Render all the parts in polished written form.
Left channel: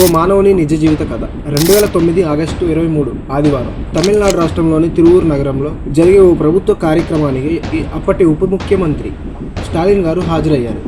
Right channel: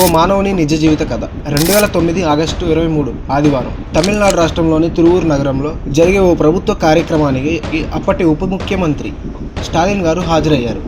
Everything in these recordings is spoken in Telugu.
ఓ మానవుని నిజ జీవిత కథ 2009 ఆగస్టు 23 ఆదివారం తమిళనాడు రాష్ట్రంలోని తిరువూరు నగరంలో జరిగే ఓ ప్రభుత్వ కార్యక్రమానికి అప్పటి ఉప ముఖ్యమంత్రి స్టాలిన్ గారు హాజరయ్యారు.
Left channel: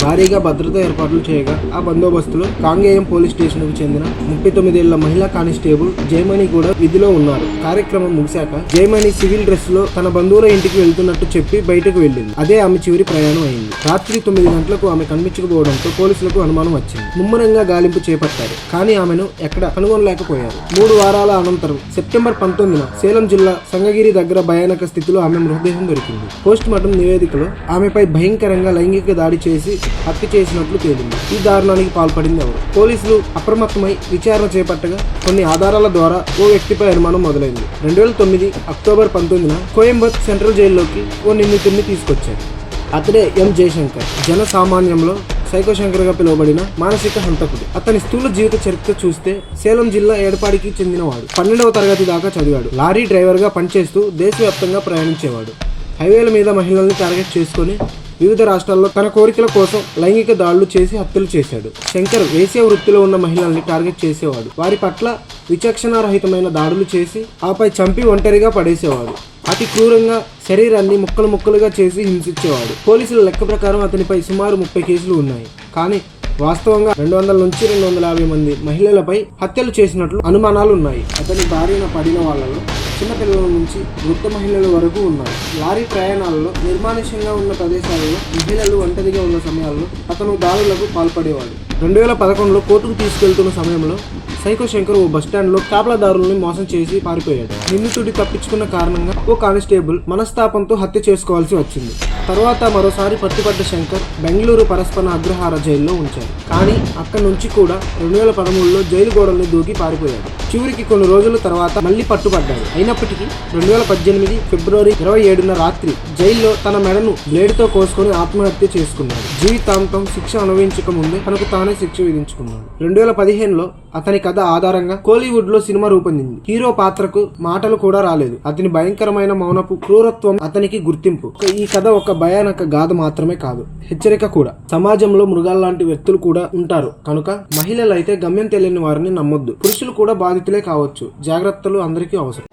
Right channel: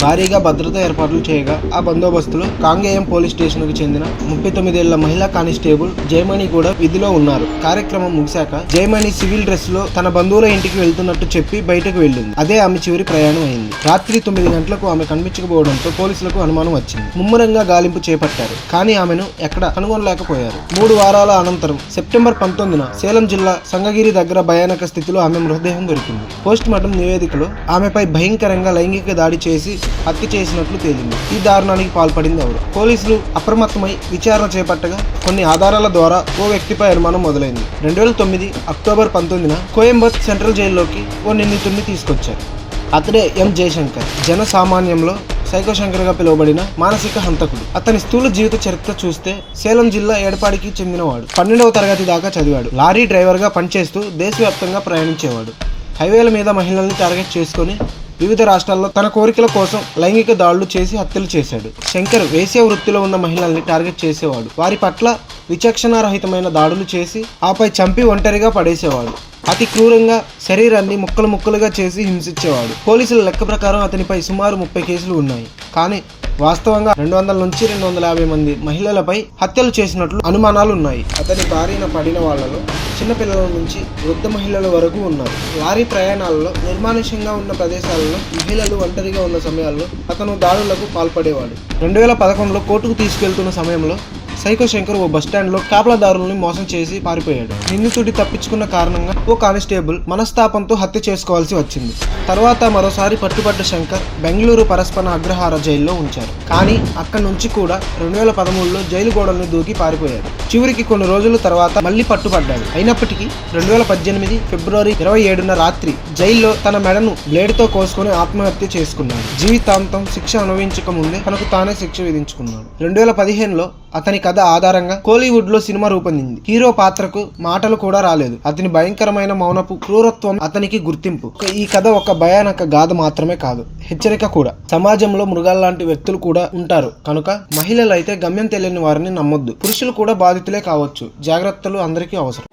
భారీగా భద్రతా ఏర్పాట్లు చేయగా ఆ బందోబస్తులో కాంగేయం పోలీస్ స్టేషన్కు చెందిన 39 ఏళ్ల మహిళా కానిస్టేబుల్ జయమణి కూడా విధిలో ఉన్నారు. కార్యక్రమం ముగిశాక జయమణి సివిల్ డ్రెస్ లో తన బంధువుల ఇంటికి వెళ్తున్నట్టు చెప్పి బయటకు వెళ్ళింది. అదే ఆమె చివరి ప్రయాణం అయింది. రాత్రి 9 గంటలకు ఆమె కనిపించకపోవడంతో పోలీసులకు అనుమానం వచ్చింది. ముమ్మరంగా గాలింపు చేపట్టారు. కానీ ఆమెను ఎక్కడ కనుగొనలేకపోయారు. 3 వారాల అనంతరం సెప్టెంబర్ 19న సేలం జిల్లా సంగగిరి దగ్గర భయానక స్థితిలో ఆమె మృతదేహం దొరికింది. పోస్ట్ మార్టం నివేదికలో ఆమెపై భయంకరంగా లైంగిక దాడి చేసి హత్య చేసినట్లు తేలింది. ఈ దారుణానికి పాల్పడింది ఎవరు? పోలీసులు అప్రమత్తమై విచారణ చేపట్టగా కొన్ని ఆధారాల ద్వారా ఓ వ్యక్తిపై అనుమానం మొదలైంది. 2009 అక్టోబర్ 19న కోయంబత్తు సెంట్రల్ జైల్లోకి ఓ నిందితుడిని తీసుకొచ్చారు. అతడే ఎం జయశంకర్. జన సామాన్యంలో సైకో శంకర్గా పిలువబడిన మానసిక హంతకుడు. అతని స్థూల జీవిత చరిత్ర చూస్తే సేలం జిల్లా ఏడపాడికి చెందినవాడు. 12వ తరగతి దాకా చదివాడు. లారీ డ్రైవర్గా పనిచేస్తూ దేశవ్యాప్తంగా ప్రయాణించేవాడు. హైవేల మీద మహిళల్ని టార్గెట్ చేసుకుని వివిధ రాష్ట్రాల్లో తన కోరికల కోసం లైంగిక దాడులు చేసి హత్యలు చేశాడు. శంకర్ వేశ్య వృత్తిలో ఉన్న మహిళల్ని టార్గెట్ చేసేవాడు. వారి పట్ల విచక్షణారహితమైన దాడులు చేసి ఆపై చంపి ఒంటరిగా పడేసేవాడు. అతి క్రూరంగా శరీరాన్ని ముక్కలు ముక్కలుగా చేసి హింసించేవాడు. పోలీసుల లెక్క ప్రకారం అతనిపై సుమారు 30 కేసులు ఉన్నాయి. కానీ వాస్తవంగా 200 నుంచి 250 మంది మహిళలపై హత్యలు చేసినట్లు అనుమానాలు ఉన్నాయి. అతని బారిన పడిన వాళ్ళలో చిన్నపిల్లల నుంచి వృద్ధ మహిళల వరకు ఉన్నారు. లారీ ప్రయాణాల్లో నిర్మానుష్యంగా ఉన్న ప్రదేశాలలో మహిళలు ఒంటరిగా ఉన్న సమయాల్లో అతను దాడులకు పాల్పడేవాడు. 2011లో కోర్టుకు తీసుకెళ్తున్న సమయంలో సైకో శంకర్ ఓ బస్టాండ్లో కాపలాదారుల్ని మోసం చేసి పారిపోయాడు. నిందితుడి తప్పించుకున్న కారణంగా ఓ కానిస్టేబుల్ మనస్తాపంతో హత్య చేసుకోవాల్సి వచ్చింది. తర్వాత మరోసారి పట్టుబడ్డ శంకర్ బెంగళూరు పరస్పర అగ్రహార జైల్లో ఉంచారు. కానీ అక్కడి నుంచి కూడా 2013లో జైలు గోడల్ని దూకి పారిపోయాడు. చివరికి కొన్ని రోజుల తర్వాత మళ్లీ పట్టుబడ్డాడు. అయినప్పటికీ 2018 ఫిబ్రవరి 27న రాత్రి జైల్లో తన మెడను బ్లేడ్తో కోసుకుని ఆత్మహత్య చేసుకున్నాడు. జీవితాంతం శిక్ష అనుభవించక ముందే తనకు తానే శిక్ష విధించుకున్నాడు. 2015లో అతని కథ ఆధారంగా కోలీవుడ్ లో సినిమా రూపొందింది. హీరో పాత్రకు మాటలు కూడా రాలేదు. అతని భయంకరమైన మౌనపు క్రూరత్వం అతనికి గుర్తింపు. ఈ కథ ఒక భయానక గాథ మాత్రమే కాదు, హెచ్చరిక కూడా. సమాజంలో మృగాల్లాంటి వ్యక్తులు కూడా ఉంటారు కనుక మహిళలైతే గమ్యం తెలియని వారిని నమ్మొద్దు. పురుషులు కూడా బాధితులే కావచ్చు. జాగ్రత్తలు అందరికీ అవసరం.